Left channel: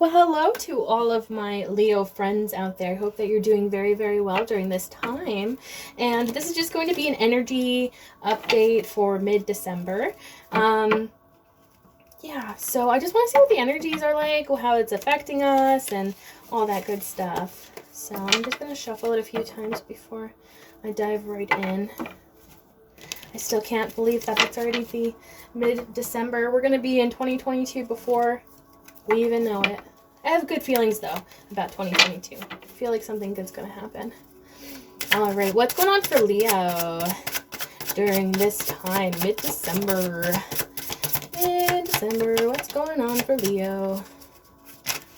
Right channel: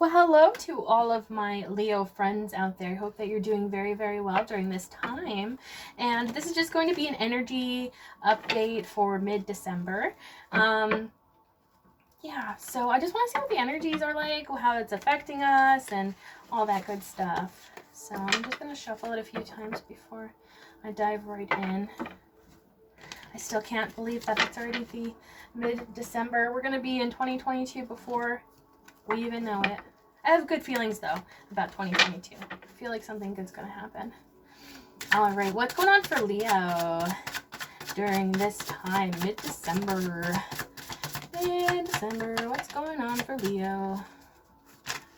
Well, hello to all of my Leo friends out there. I hope that you're doing very, very well during this time. And this is just going to be an energy update for mid-December. Yeah, so I just want to see what the energies are like, how it's affecting us, and all that good stuff. So I'm just going to shuffle it a few times before I dive right in. I still can't believe that it's already the mid-December. We're going to be in 2022 before we even know it. I have good feelings, though, about 2022. I feel like something good's going to happen. All right, what's going on for Leo during this time, mid-December? Mid-December, what's going on for Leo?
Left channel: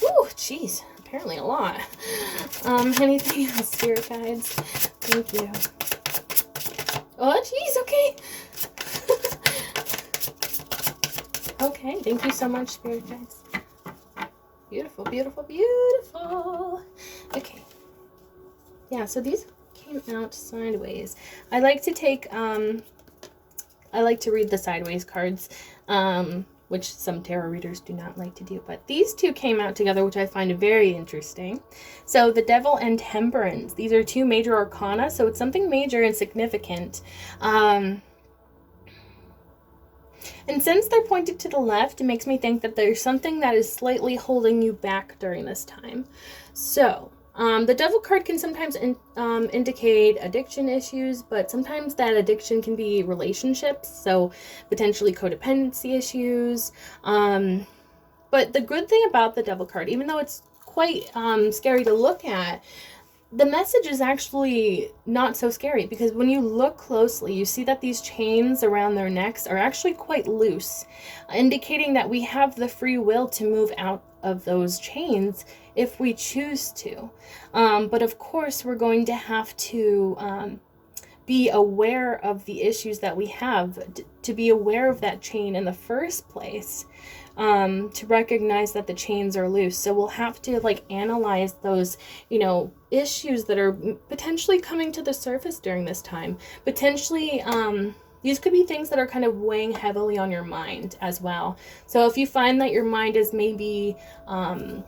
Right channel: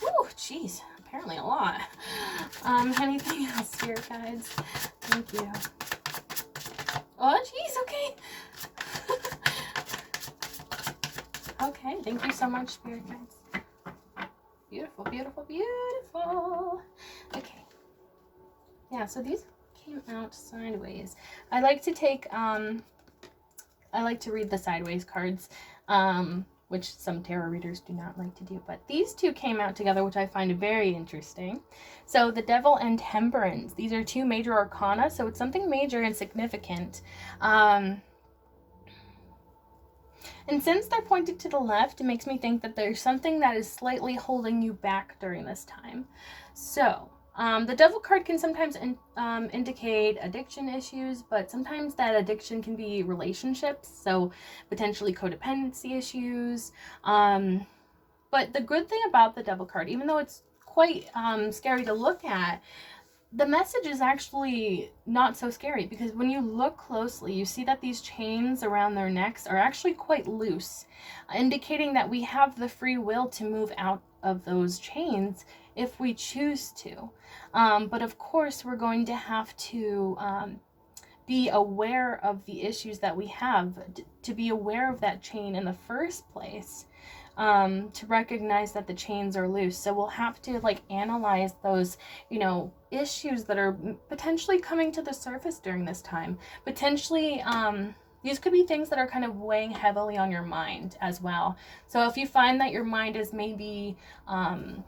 Woo, jeez, apparently a lot. Anything else, spirit guides? Thank you. Oh, jeez, okay. Okay, thank you so much, spirit guides. Beautiful, beautiful, beautiful. Okay. Yeah, so these came out sideways. I like to take, I like to read the sideways cards, which some tarot readers do not like to do. But these two came out together, which I find very interesting. So the Devil and Temperance. These are two major arcana, so it's something major and significant. And since they're pointed to the left, it makes me think that there's something that is slightly holding you back during this time. So, the Devil card can sometimes indicate addiction issues, but sometimes that addiction can be relationships, so potentially codependency issues. But the good thing about the Devil card, even though it's quite scary to look at, the message is actually not so scary, because when you look closely, you see that these chains around their necks are actually quite loose, indicating that we have the free will to move out of those chains if we choose to. But of course, we're going to have to be aware of the issues that we have, to be aware of that chain in the first place. To recognize that the chains are loose. So we'll have to analyze those, issues that are potentially coming to the surface during this time. Potentially, these could be things that are kind of weighing heavily on your mind as well. So if you find that your mind is maybe, I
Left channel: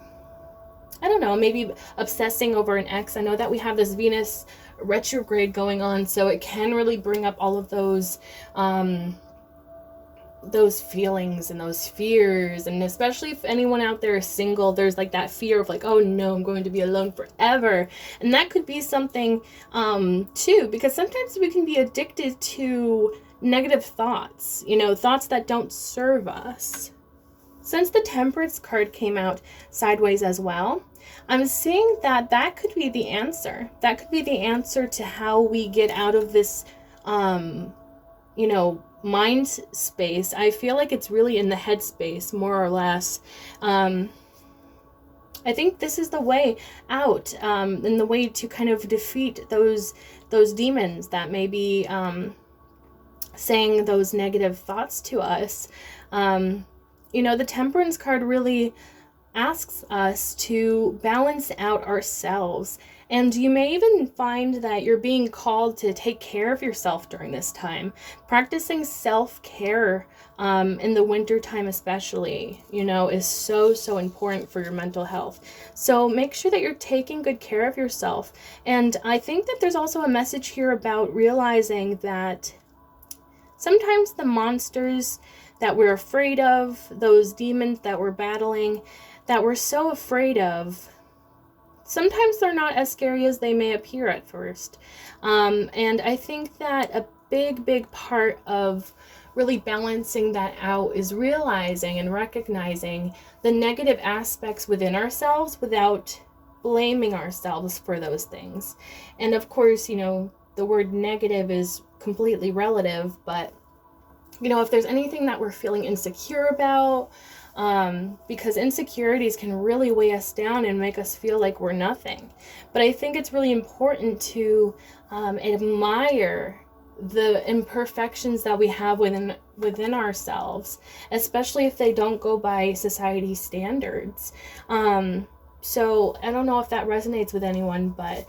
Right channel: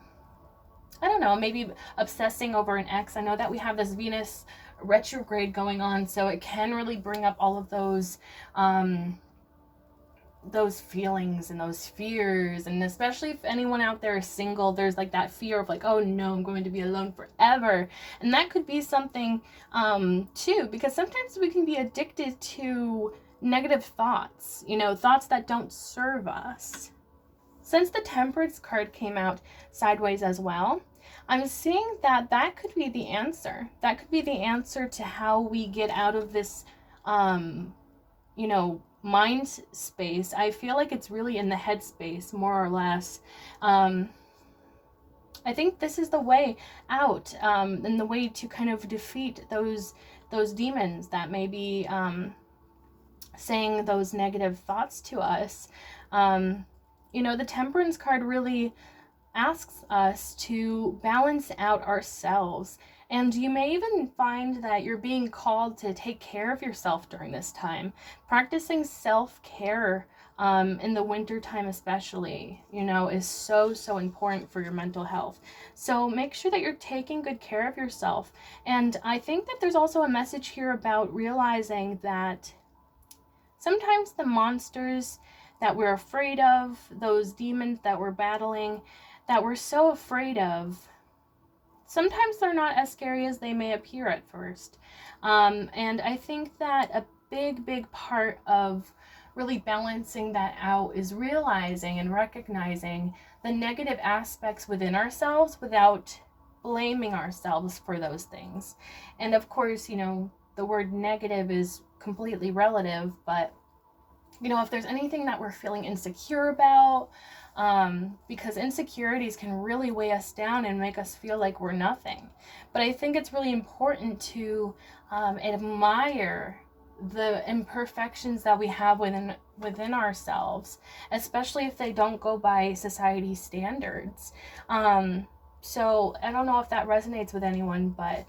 don't know, maybe obsessing over an ex. I know that we have this Venus retrograde going on, so it can really bring up all of those feelings and those fears. And especially if anyone out there is single, there's that fear of oh no, I'm going to be alone forever. And that could be something too, because sometimes we can be addicted to negative thoughts, thoughts that don't serve us. Since the Temperance card came out sideways as well, I'm seeing that that could be the answer. That could be the answer to how we get out of this mind space. I feel like it's really in the head space, more or less. I think this is the way out, and the way to kind of defeat those demons that may be saying those negative thoughts to us. The Temperance card really asks us to balance out ourselves. And you may even find that you're being called to take care of yourself during this time. Practicing self-care in the winter time especially, is so important for your mental health. So make sure that you're taking good care of yourself. And I think that there's also a message here about realizing that sometimes the monsters that we're afraid of, those demons that we're battling, that we're so afraid of, sometimes they're not as scary as they may appear at first. And I think that a big part of really balancing that out is realizing and recognizing the negative aspects within ourselves without blaming ourselves for those things. And of course, the word negative is completely relative, but if there's anything that we're feeling insecure about, because insecurities can really weigh us down and make us feel like we're nothing. But I think it's really important to admire the imperfections that we have within ourselves, especially if they don't go by society standards. So I don't know if that resonates with anyone, but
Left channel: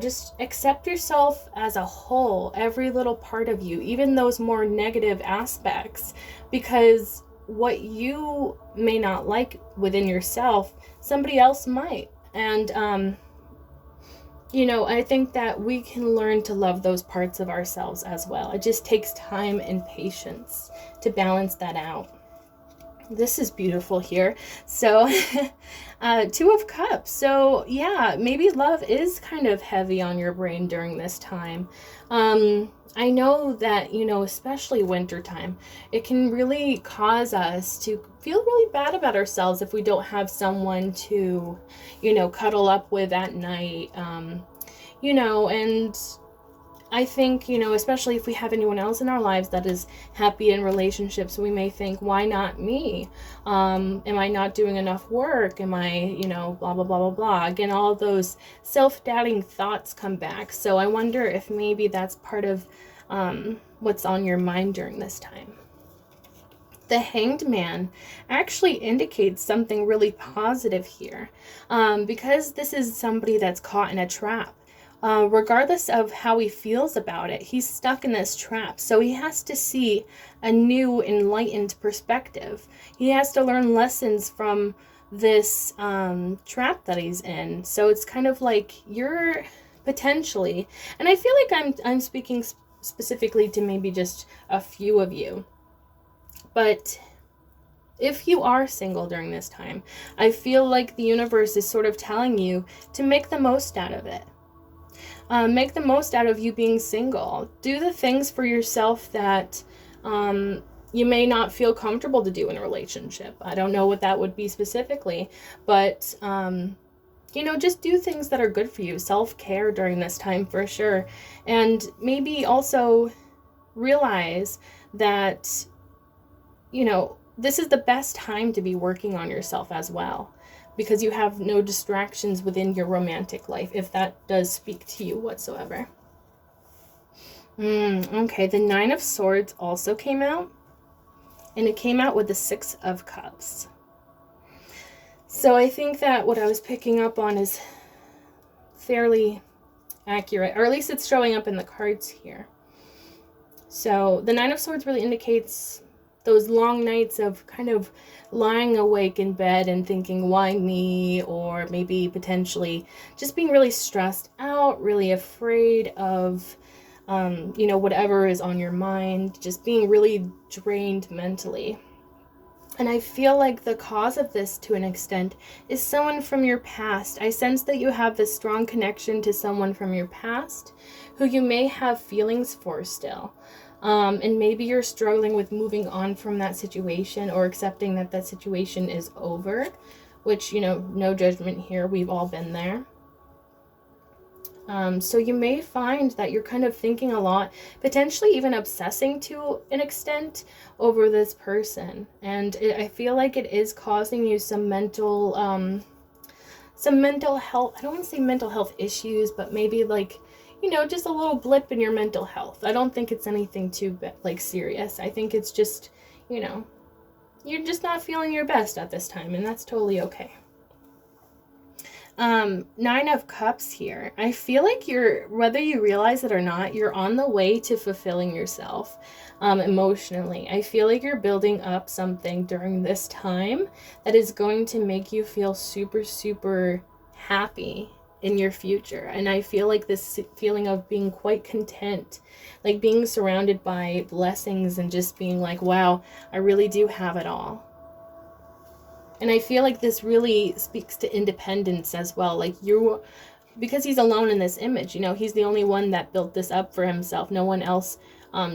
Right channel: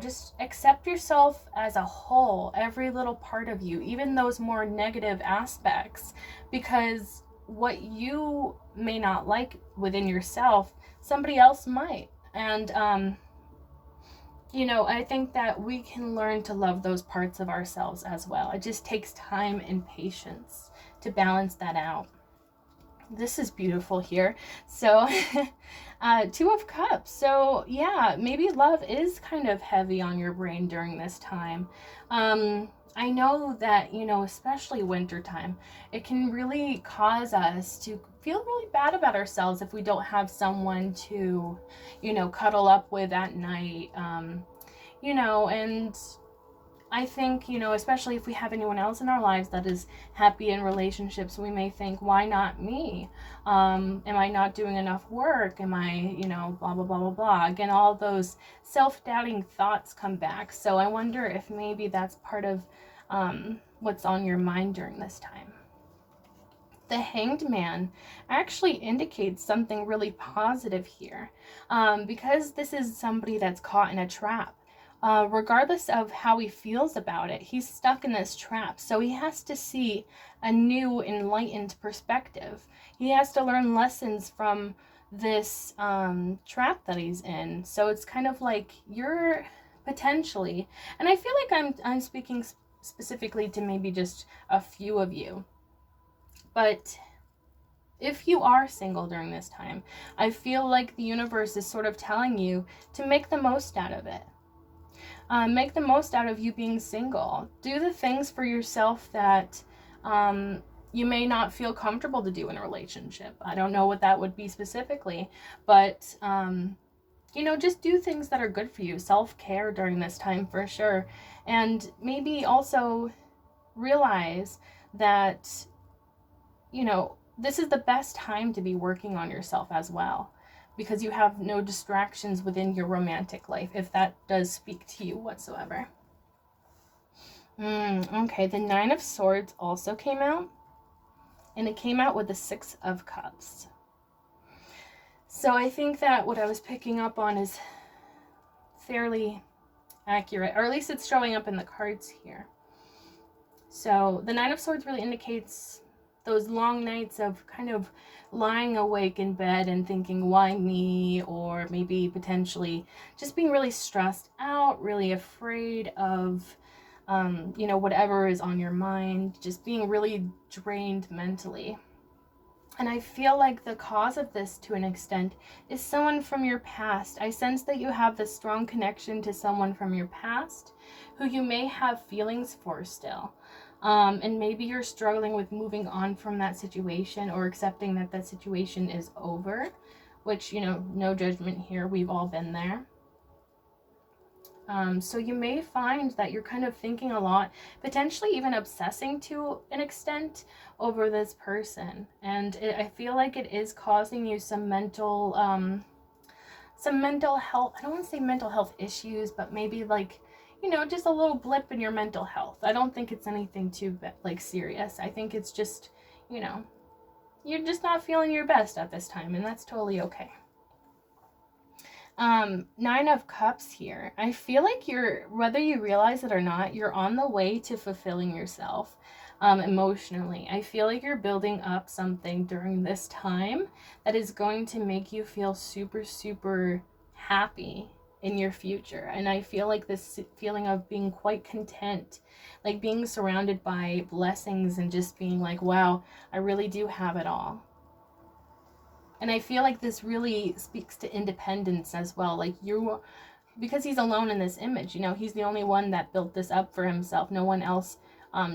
just accept yourself as a whole, every little part of you, even those more negative aspects, because what you may not like within yourself, somebody else might. And I think that we can learn to love those parts of ourselves as well. It just takes time and patience to balance that out. This is beautiful here. So Two of Cups. So yeah, maybe love is kind of heavy on your brain during this time. I know that, especially wintertime, it can really cause us to feel really bad about ourselves if we don't have someone to, cuddle up with at night. And I think, especially if we have anyone else in our lives that is happy in relationships, we may think, why not me? Am I not doing enough work? Am I, blah, blah, blah, blah, blah. Again, all those self-doubting thoughts come back. So I wonder if maybe that's part of what's on your mind during this time. The Hanged Man actually indicates something really positive here, because this is somebody that's caught in a trap. Regardless of how he feels about it, he's stuck in this trap. So he has to see a new, enlightened perspective. He has to learn lessons from this trap that he's in. So it's kind of like you're potentially, and I feel like I'm speaking specifically to maybe just a few of you, but if you are single during this time, I feel like the universe is sort of telling you to make the most out of it. Make the most out of you being single. Do the things for yourself that you may not feel comfortable to do in a relationship. I don't know what that would be specifically, but just do things that are good for you. Self-care during this time for sure. And maybe also realize that, this is the best time to be working on yourself as well, because you have no distractions within your romantic life, if that does speak to you whatsoever. Okay, the Nine of Swords also came out, and it came out with the Six of Cups. So I think that what I was picking up on is fairly accurate, or at least it's showing up in the cards here. So the Nine of Swords really indicates those long nights of kind of lying awake in bed and thinking, why me? Or maybe potentially just being really stressed out, really afraid of, whatever is on your mind, just being really drained mentally. And I feel like the cause of this, to an extent, is someone from your past. I sense that you have this strong connection to someone from your past who you may have feelings for still. And maybe you're struggling with moving on from that situation, or accepting that that situation is over, which, no judgment here. We've all been there. So you may find that you're kind of thinking a lot, potentially even obsessing to an extent over this person. And I feel like it is causing you some mental health. I don't want to say mental health issues, but maybe just a little blip in your mental health. I don't think it's anything too serious. I think it's just, you're just not feeling your best at this time, and that's totally okay. Nine of Cups here. I feel like whether you realize it or not, you're on the way to fulfilling yourself emotionally. I feel like you're building up something during this time that is going to make you feel super, super happy in your future. And I feel like this feeling of being quite content, like being surrounded by blessings and just being like, wow, I really do have it all. And I feel like this really speaks to independence as well. Because he's alone in this image, he's the only one that built this up for himself. No one else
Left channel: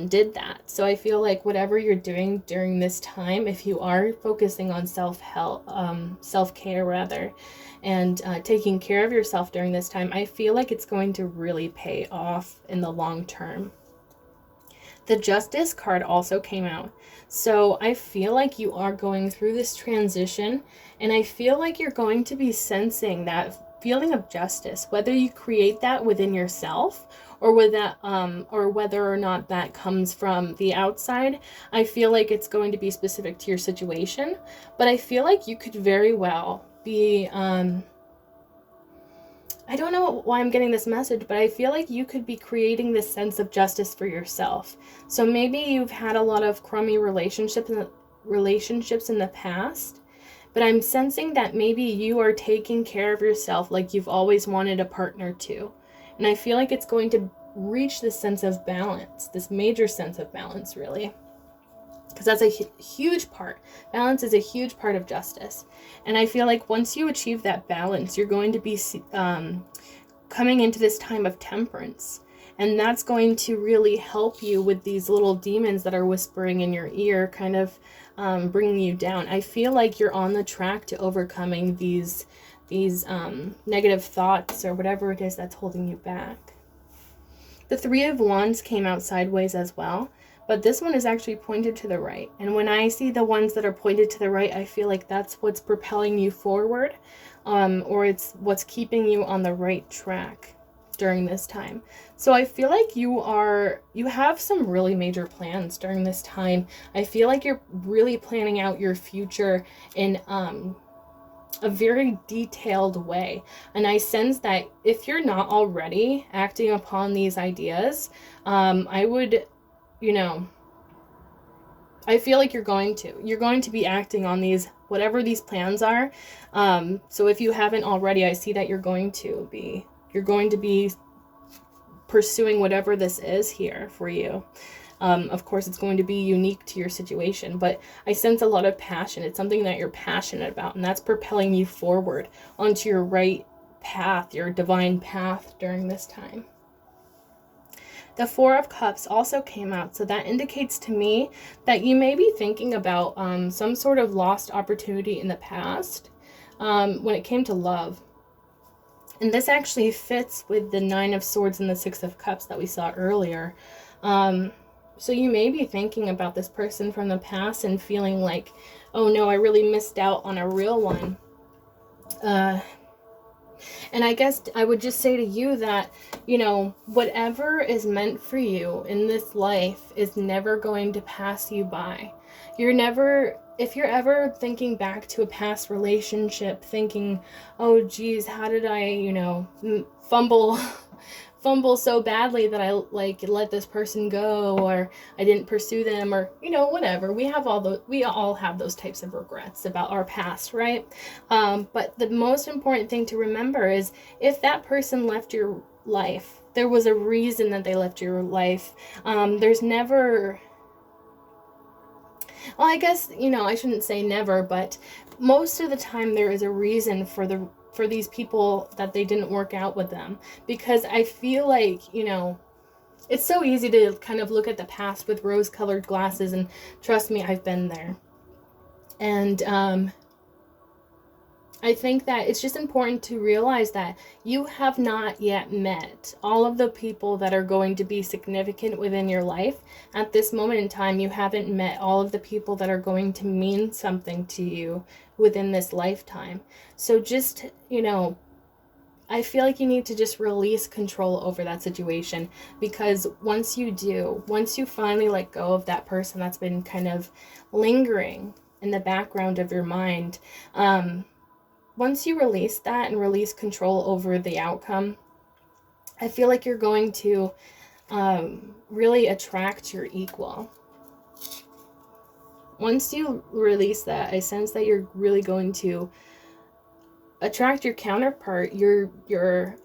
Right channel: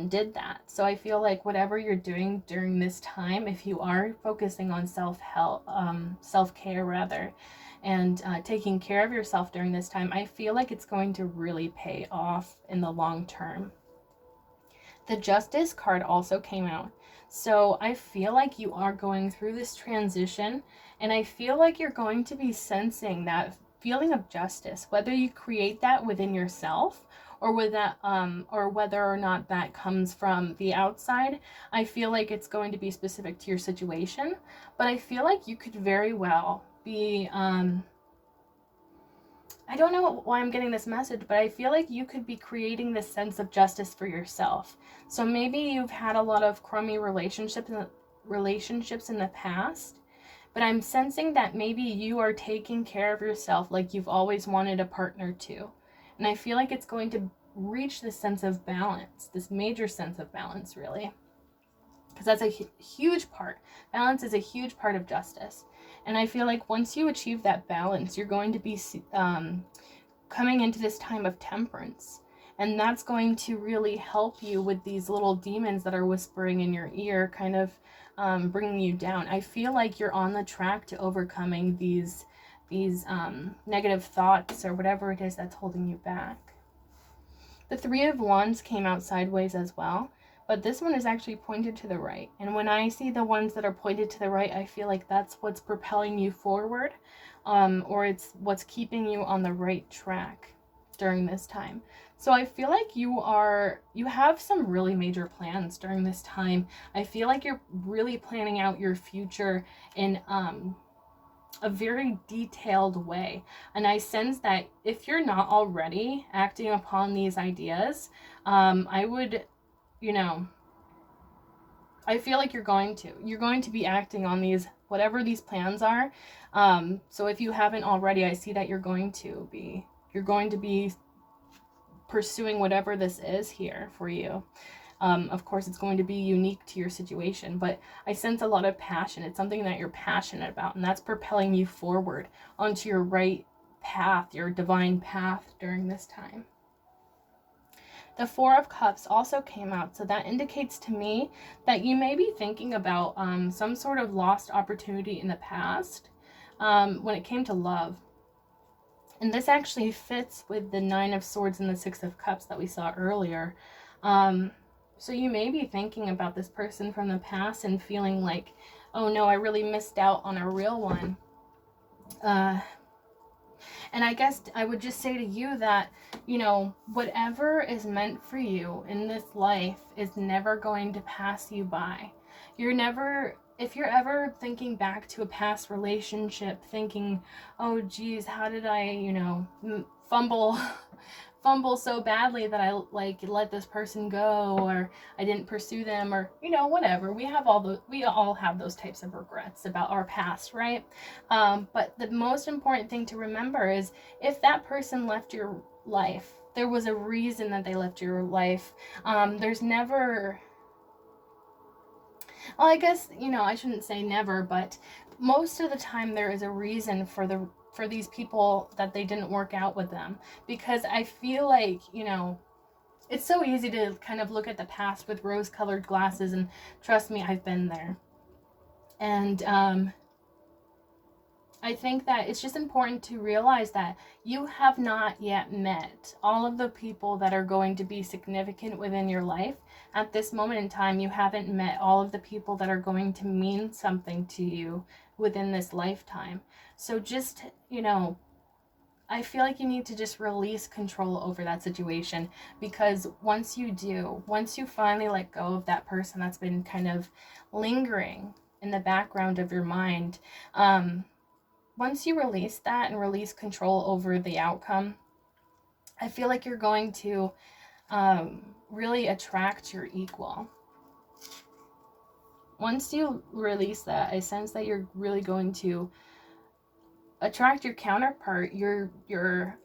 did that. So I feel like whatever you're doing during this time, if you are focusing on self-care rather, and taking care of yourself during this time, I feel like it's going to really pay off in the long term. The Justice card also came out. So I feel like you are going through this transition, and I feel like you're going to be sensing that feeling of justice, whether you create that within yourself or or whether or not that comes from the outside. I feel like it's going to be specific to your situation, but I feel like you could very well be, I don't know why I'm getting this message, but I feel like you could be creating this sense of justice for yourself. So maybe you've had a lot of crummy relationships relationships in the past, but I'm sensing that maybe you are taking care of yourself like you've always wanted a partner to. And I feel like it's going to reach this sense of balance, this major sense of balance, really. Because that's a huge part. Balance is a huge part of justice. And I feel like once you achieve that balance, you're going to be coming into this time of temperance. And that's going to really help you with these little demons that are whispering in your ear, kind of bringing you down. I feel like you're on the track to overcoming these negative thoughts or whatever it is that's holding you back. The Three of Wands came out sideways as well, but this one is actually pointed to the right. And when I see the ones that are pointed to the right, I feel like that's what's propelling you forward, or it's what's keeping you on the right track during this time. So I feel like you have some really major plans during this time. I feel like you're really planning out your future in a very detailed way. And I sense that if you're not already acting upon these ideas, I would, I feel like you're going to be acting on these, whatever these plans are. So if you haven't already, I see that you're going to be pursuing whatever this is here for you. Of course, it's going to be unique to your situation, but I sense a lot of passion. It's something that you're passionate about, and that's propelling you forward onto your right path, your divine path during this time. The Four of Cups also came out, so that indicates to me that you may be thinking about some sort of lost opportunity in the past when it came to love. And this actually fits with the Nine of Swords and the Six of Cups that we saw earlier. So you may be thinking about this person from the past and feeling like, oh no, I really missed out on a real one. And I guess I would just say to you that, whatever is meant for you in this life is never going to pass you by. If you're ever thinking back to a past relationship, thinking, oh geez, how did I, fumble so badly that I let this person go, or I didn't pursue them, or whatever. We all have those types of regrets about our past, right? But the most important thing to remember is if that person left your life, there was a reason that they left your life. There's never, well, I guess, I shouldn't say never, but most of the time there is a reason for these people that they didn't work out with them. Because I feel like, it's so easy to kind of look at the past with rose-colored glasses, and trust me, I've been there. And I think that it's just important to realize that you have not yet met all of the people that are going to be significant within your life. At this moment in time, you haven't met all of the people that are going to mean something to you within this lifetime. So just, I feel like you need to just release control over that situation, because once you finally let go of that person that's been kind of lingering in the background of your mind, once you release that and release control over the outcome, I feel like you're going to really attract your equal. Once you release that, I sense that you're really going to attract your counterpart, your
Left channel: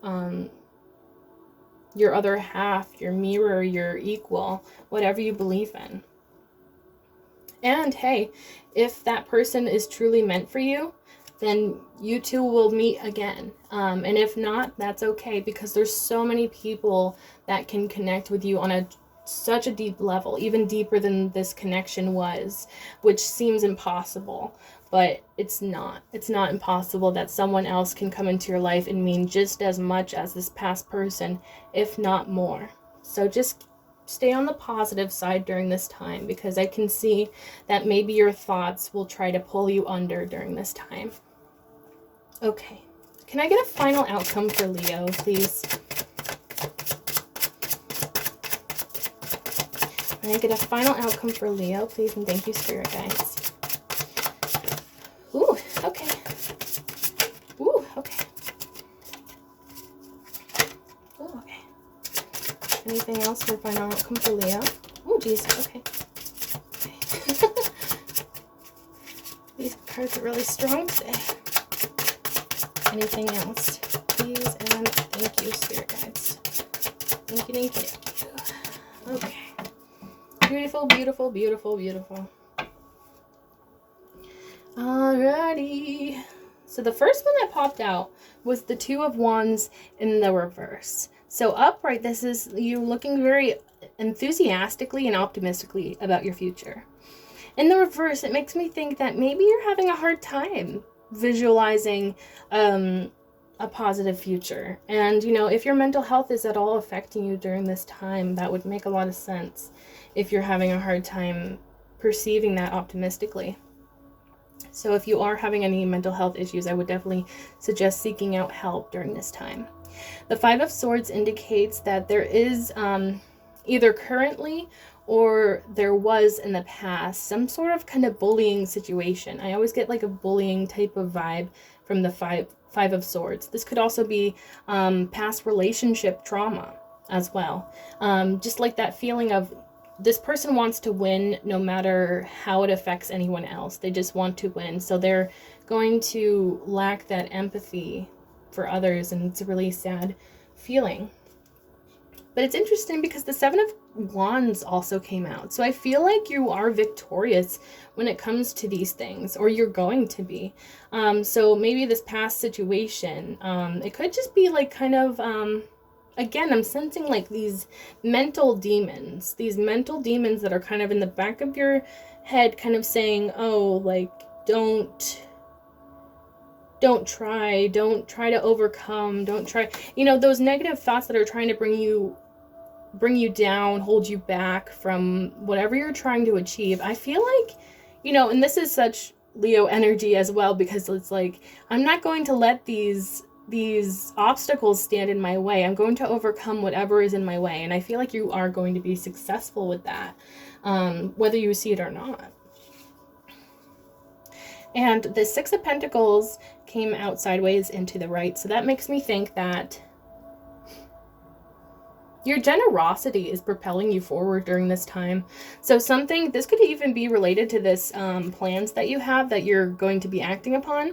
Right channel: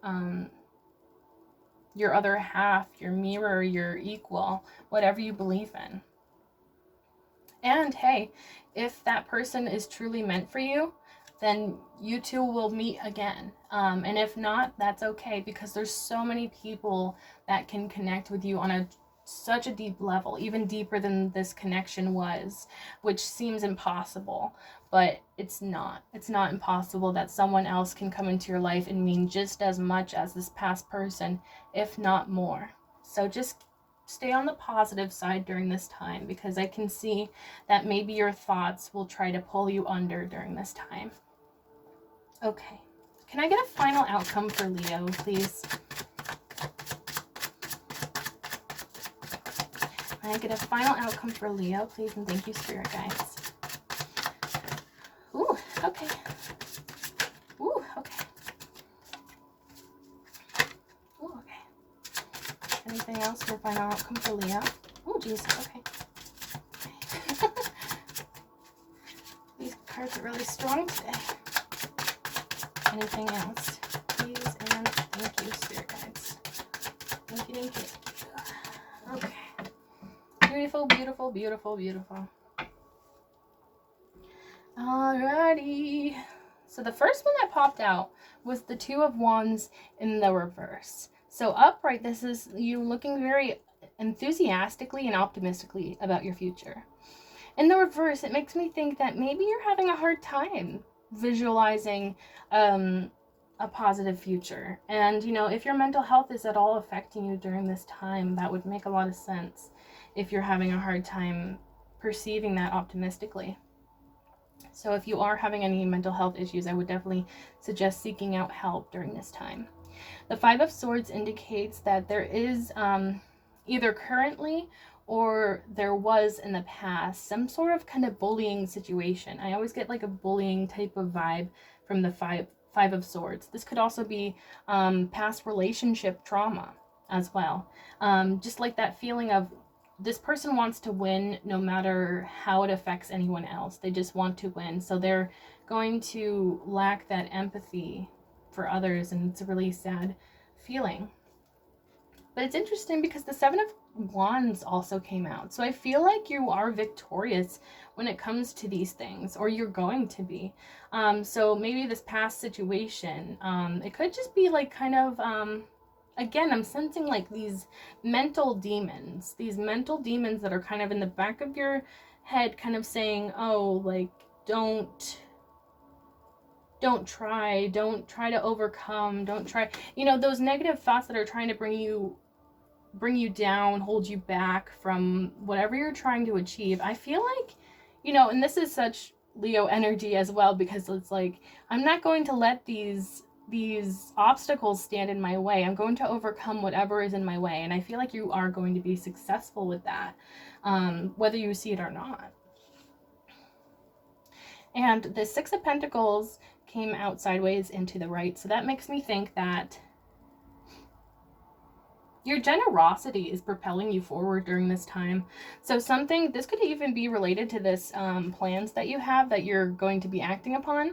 other half, your mirror, your equal, whatever you believe in. And hey, if that person is truly meant for you, then you two will meet again. And if not, that's okay, because there's so many people that can connect with you on such a deep level, even deeper than this connection was, which seems impossible. But it's not. It's not impossible that someone else can come into your life and mean just as much as this past person, if not more. So just stay on the positive side during this time, because I can see that maybe your thoughts will try to pull you under during this time. Okay. Can I get a final outcome for Leo, please? Can I get a final outcome for Leo, please? And thank you, Spirit Guides. Ooh, okay. Ooh, okay. Ooh, okay. Anything else for final outcome for Leo? Oh, geez, okay. cards are really strong today. Anything else? Please and thank you, Spirit Guides. Thank you, thank you, thank you. Okay. Beautiful, beautiful, beautiful, beautiful. Alrighty. So the first one that popped out was the Two of Wands in the reverse. So upright, this is you looking very enthusiastically and optimistically about your future. In the reverse, it makes me think that maybe you're having a hard time visualizing a positive future. And, you know, if your mental health is at all affecting you during this time, that would make a lot of sense if you're having a hard time perceiving that optimistically. So if you are having any mental health issues, I would definitely suggest seeking out help during this time. The Five of Swords indicates that there is either currently or there was in the past some sort of kind of bullying situation. I always get like a bullying type of vibe from the Five of Swords. This could also be past relationship trauma as well. Just like that feeling of this person wants to win no matter how it affects anyone else. They just want to win. So they're going to lack that empathy for others, and it's a really sad feeling. But it's interesting because the Seven of Wands also came out. So I feel like you are victorious when it comes to these things, or you're going to be. So maybe this past situation, it could just be like kind of, again, I'm sensing like these mental demons that are kind of in the back of your head kind of saying, oh, like, don't try to overcome, don't try, you know, those negative thoughts that are trying to bring you down, hold you back from whatever you're trying to achieve. I feel like, you know, and this is such Leo energy as well, because it's like, I'm not going to let these obstacles stand in my way. I'm going to overcome whatever is in my way. And I feel like you are going to be successful with that, whether you see it or not. And the Six of Pentacles came out sideways into the right. So that makes me think that your generosity is propelling you forward during this time. So this could even be related to this plans that you have that you're going to be acting upon.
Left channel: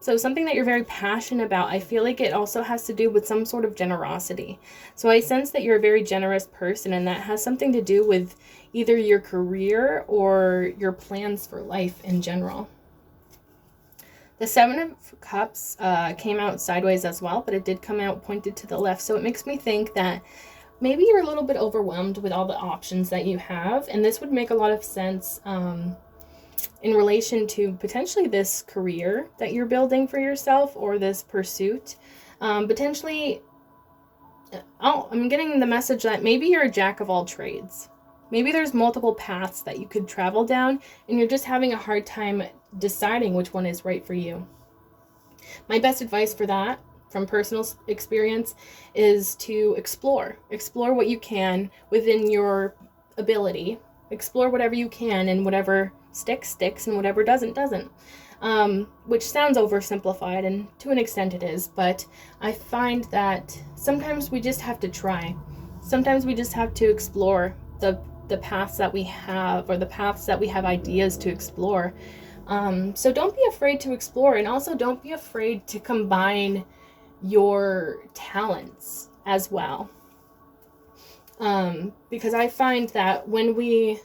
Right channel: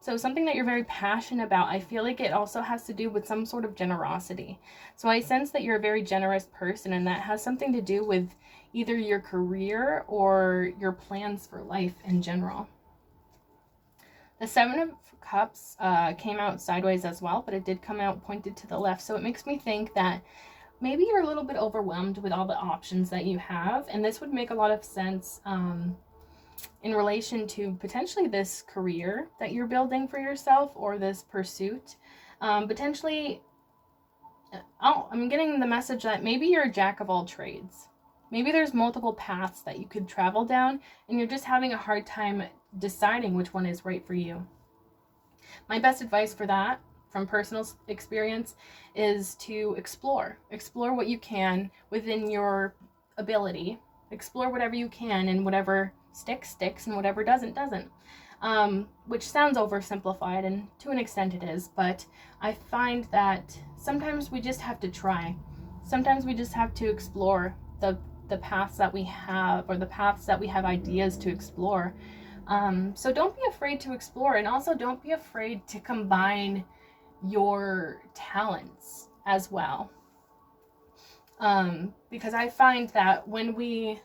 So something that you're very passionate about, I feel like it also has to do with some sort of generosity. So I sense that you're a very generous person, and that has something to do with either your career or your plans for life in general. The Seven of Cups came out sideways as well, but it did come out pointed to the left. So it makes me think that maybe you're a little bit overwhelmed with all the options that you have. And this would make a lot of sense in relation to potentially this career that you're building for yourself, or this pursuit. Potentially, I'm getting the message that maybe you're a jack of all trades. Maybe there's multiple paths that you could travel down, and you're just having a hard time deciding which one is right for you. My best advice for that, from personal experience, is to explore what you can within your ability. Explore whatever you can, and whatever sticks, and whatever doesn't. Which sounds oversimplified, and to an extent it is, but I find that sometimes we just have to try. Sometimes we just have to explore the paths that we have, or the paths that we have ideas to explore. So don't be afraid to explore, and also don't be afraid to combine your talents as well. Because I find that when we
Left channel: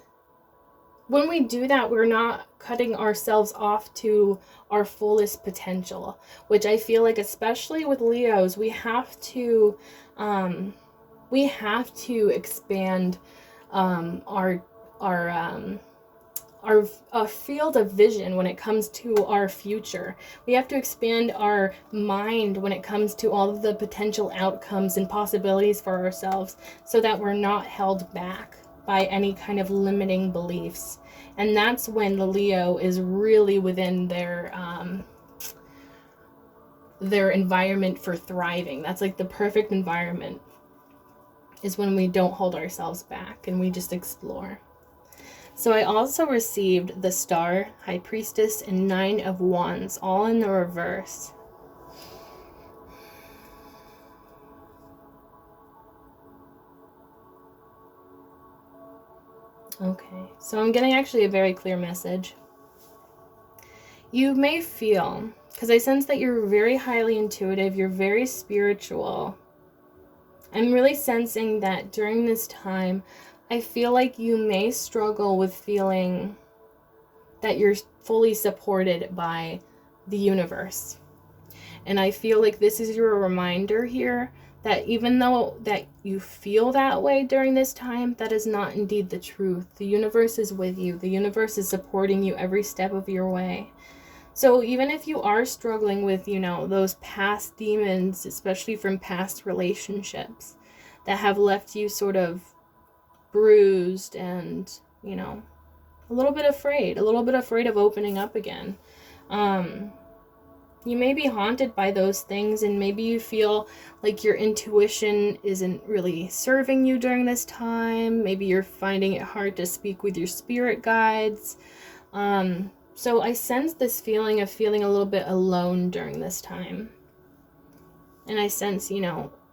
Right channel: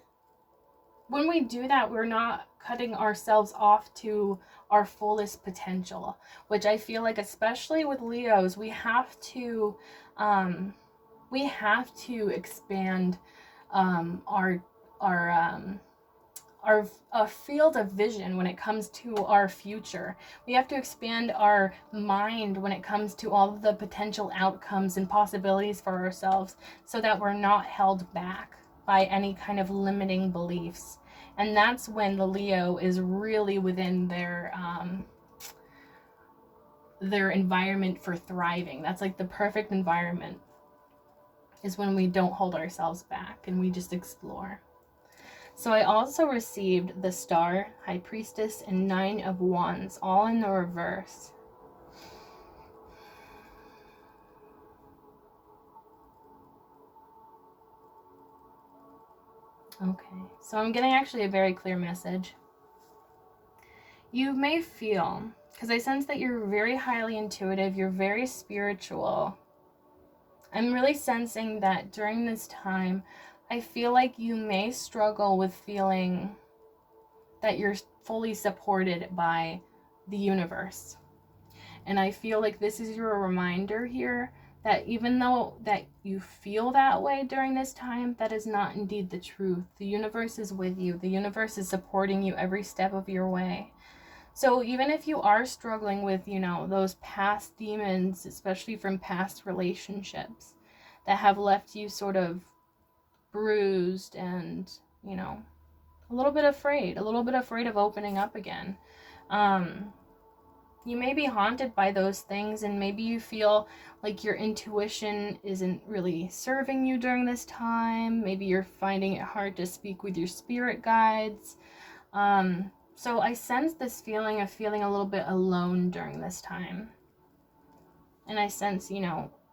do that, we're not cutting ourselves off to our fullest potential, which I feel like, especially with Leos, we have to expand our field of vision when it comes to our future. We have to expand our mind when it comes to all of the potential outcomes and possibilities for ourselves, so that we're not held back by any kind of limiting beliefs. And that's when the Leo is really within their environment for thriving. That's like the perfect environment, is when we don't hold ourselves back and we just explore. So I also received the Star, High Priestess, and Nine of Wands, all in the reverse. Okay, so I'm getting actually a very clear message. you may feel, because I sense that you're very highly intuitive, you're very spiritual. I'm really sensing that during this time, I feel like you may struggle with feeling that you're fully supported by the universe. And I feel like this is your reminder here that even though that you feel that way during this time, that is not indeed the truth. The universe is with you. The universe is supporting you every step of your way. So even if you are struggling with, those past demons, especially from past relationships that have left you sort of bruised and, a little bit afraid of opening up again. You may be haunted by those things, and maybe you feel like your intuition isn't really serving you during this time. Maybe you're finding it hard to speak with your spirit guides. So I sense this feeling of feeling a little bit alone during this time. And I sense,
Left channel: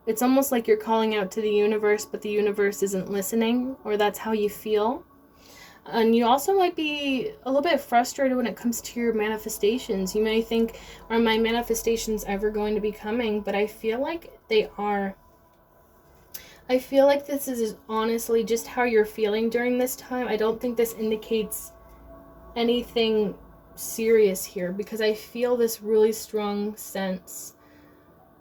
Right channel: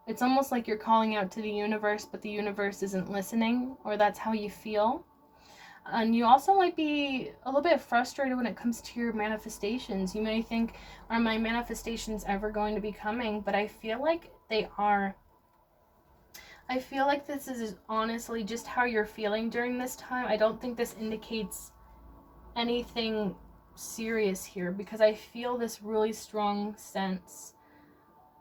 it's almost like you're calling out to the universe, but the universe isn't listening, or that's how you feel. And you also might be a little bit frustrated when it comes to your manifestations. You may think, are my manifestations ever going to be coming? But I feel like they are. I feel like this is honestly just how you're feeling during this time. I don't think this indicates anything serious here, because I feel this really strong sense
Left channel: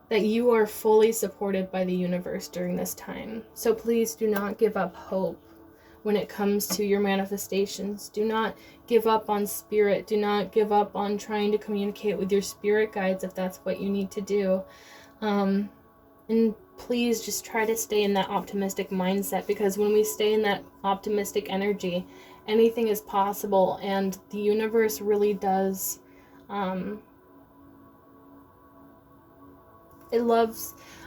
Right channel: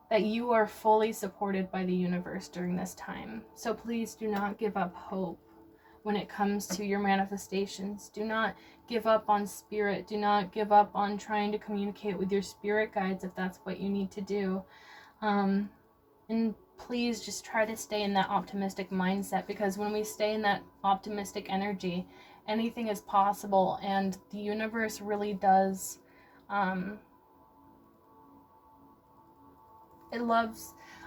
that you are fully supported by the universe during this time. So please do not give up hope when it comes to your manifestations. Do not give up on spirit. Do not give up on trying to communicate with your spirit guides if that's what you need to do. And please just try to stay in that optimistic mindset, because when we stay in that optimistic energy, anything is possible, and the universe really does.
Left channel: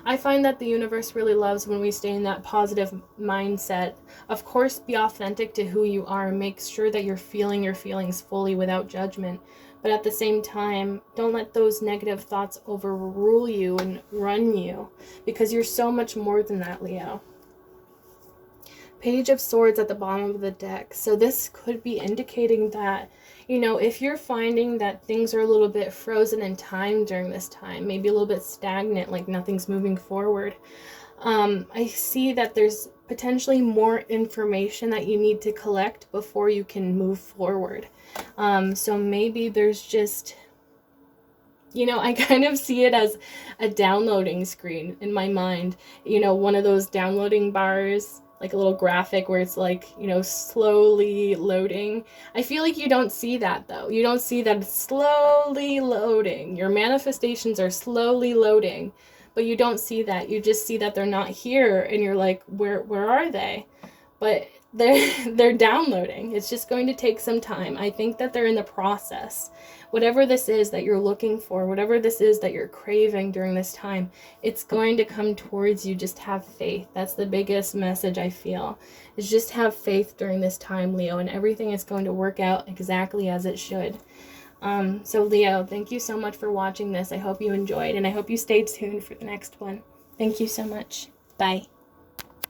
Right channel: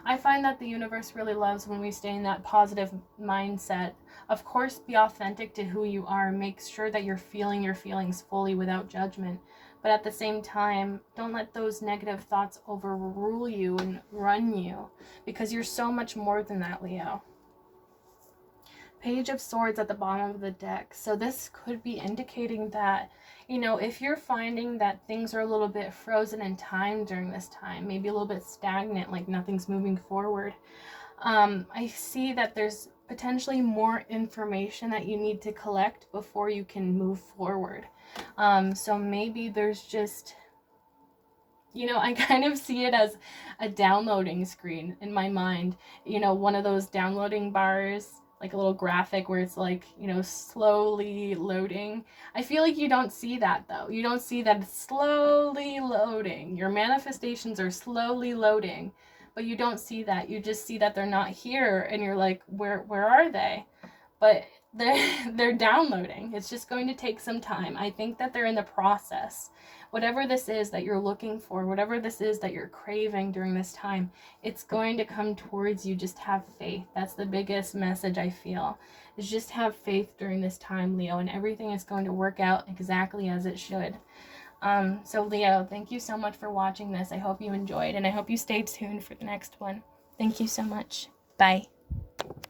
I find that the universe really loves when we stay in that positive mindset. Of course, be authentic to who you are. Make sure that you're feeling your feelings fully without judgment. But at the same time, don't let those negative thoughts overrule you and run you, because you're so much more than that, Leo. Page of Swords at the bottom of the deck. So this could be indicating that, if you're finding that things are a little bit frozen in time during this time, maybe a little bit stagnant, like nothing's moving forward, I see that there's potentially more information that you need to collect before you can move forward. So maybe there's just, I kind of see it as a downloading screen in my mind, one of those downloading bars, like a little graphic where it's like, slowly loading. I feel like you don't see that though. You don't see that it's slowly loading. Your manifestations are slowly loading, but you don't see that. You just see that they're not here, and you're like, where are they? But they're downloading. It's just going to take some time. I think that they're in the process. Whatever this is that you're looking for, whatever this is that you're craving during this time, it's going to come towards you. Just have faith. That's the biggest message I feel, is just have faith during this time, Leo, and everything is going to work out exactly as it should. So Leo, thank you so much for watching this. I hope you enjoyed, and I hope you stay tuned for the next one. Thank you so much. Bye.